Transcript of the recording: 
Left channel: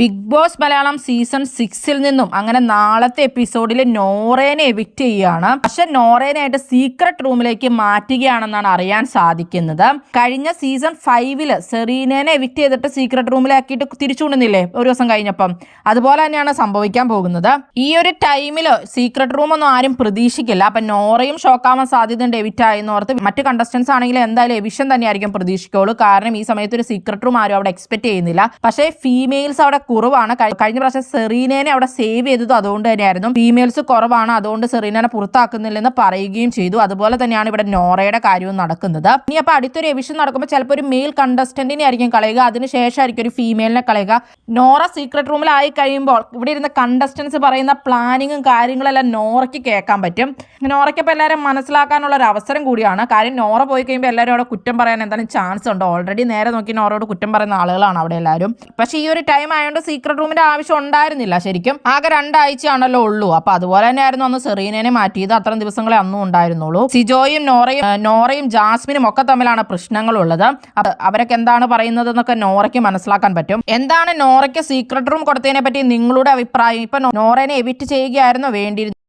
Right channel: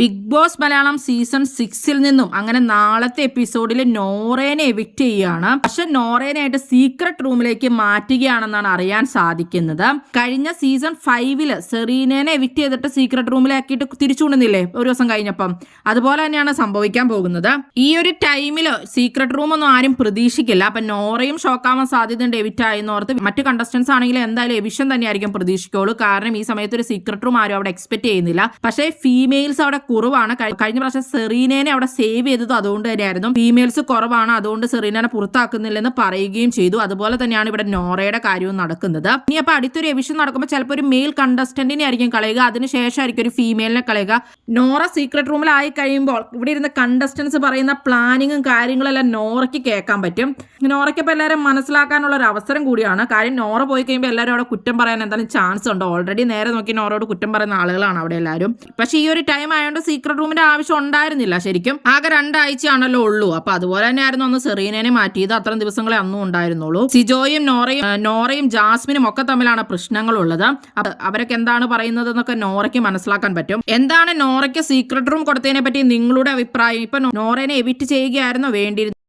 Big boss Malayalam season 6 നിന്നും അങ്ങനെ നാളത്തെ എപ്പിസോഡിൽ നോറേനെ എവിക്റ്റ് ചെയ്യുകയാണ്. പക്ഷെ നോറേനായിട്ട് സീക്രട്ട് റൂമിലേക്ക് മാറ്റുകയാണെന്നാണ് അറിയാൻ സാധിക്കുന്നത്. കഴിഞ്ഞ സീസൺ 5 സെറീനേനെ എവിക്റ്റ് ചെയ്തിട്ട് സീക്രട്ട് റൂമിലാക്കിയിട്ട് തിരിച്ചുകൊണ്ടുന്നില്ലേ ഒരു ദിവസം കഴിഞ്ഞപ്പം, അതുപോലെ തന്നെയാണ് സംഭവിക്കാൻ പോകുന്നത്. ഈ ഒരു ടൈമിൽ സീക്രട്ട് റൂം ഒന്നും ആരും പ്രതീക്ഷിക്കില്ല. അപ്പൊ നോറയും ഷോക്കാവാൻ സാധ്യതയുണ്ട് എവിക്റ്റ് ആയെന്നോർത്ത്. മറ്റ് കണ്ടസ്റ്റൻസ് ആണെങ്കിൽ എന്തായാലും എവിഷൻ തന്നെയായിരിക്കും പ്രതീക്ഷിക്കുള്ളൂ. കാരണം ഈ സമയത്ത് ഒരു സീക്രട്ട് റൂം ആരും അവിടെ എക്സ്പെക്ട് ചെയ്യുന്നില്ല. പക്ഷേ ഫീമെയിൽസ് അവിടെ കുറവാണ്. കഴിഞ്ഞ പ്രാവശ്യം സെറീനേനെ അവിടെ സേവ് ചെയ്തത് അതുകൊണ്ട് തന്നെയായിരുന്നു. ഫീമെയിൽസ് കുറവാണ്, അതുകൊണ്ട് സെറീനേനെ പുറത്താക്കുന്നില്ലെന്ന് പറയുകയും ചെയ്തു. അതുപോലെ തന്നെയാണ് ഇവിടെ നോറയുടെ കാര്യവും നടക്കുന്നത്. ഇനി അപ്പൊ അടുത്തൊരു എവിഷൻ നടക്കുമ്പോൾ ചിലപ്പോൾ ഒരു മെയിൽ കണ്ടസ്റ്റന്റിനെ ആയിരിക്കും കളയുക, അതിനുശേഷമായിരിക്കും ഒരു ഫീമെയിലിനെ കളയുക. നോറ സീക്രട്ട് റൂമിലായി കഴിയുമ്പോൾ ഇവിടെ ഇരുന്ന കണ്ടസ്റ്റൻസ് പറയുന്ന പ്ലാനിങ്ങും കാര്യങ്ങളെല്ലാം നോറയ്ക്ക് കേൾക്കാൻ പറ്റും. നോറയ്ക്ക് ഇപ്പോൾ എല്ലാവരും മനസ്സിലാക്കാനുള്ള ഒരു അവസരം കൂടിയാണ്. കാര്യം നോറ പോയി കഴിയുമ്പോൾ എല്ലാവരും അവിടെ കുറ്റം പറയാൻ എന്തായാലും ചാൻസ് ഉണ്ട്. ഓൾറെഡി നേരെ നോക്കി നോറയോട് കുറ്റം പറയുന്ന ആളുകളാണ് അവിടെ എല്ലാവരും. പക്ഷേ ഈ ഒരു ടൈം ആയതുകൊണ്ട് സീക്രട്ട് റൂമിന്റെ ആവശ്യം ഉണ്ടായിരുന്നില്ല. ശരിക്കും ആകെ 2 ആഴ്ചയാണല്ലോ ഉള്ളൂ. അപ്പൊ അതുപോലെ തന്നെയായിരുന്നു അന്ന് സെറീനേനെ മാറ്റിയത്. അത്രയും ദിവസങ്ങളെ അന്നും ഉണ്ടായിരുന്നുള്ളൂ. സിജോയും നോറയും ജാസ്മിനും ഒക്കെ തമ്മിലാണ് പ്രശ്നങ്ങളുള്ളത്. അവരൊക്കെ എന്താണ് പറയുന്നത് എന്നൊക്കെ നോറയ്ക്ക് മനസ്സിലാക്കാൻ പറ്റും. എന്താണ് നോറയ്ക്ക് സീക്രട്ട് റൂം കൊടുത്തതിനെ പറ്റി നിങ്ങളുടെ അഭിപ്രായം? ഇപ്പൊ നോറേനെ എവിക്റ്റ് ചെയ്യുകയായിരുന്നോ വേണ്ടിയിരുന്നത്?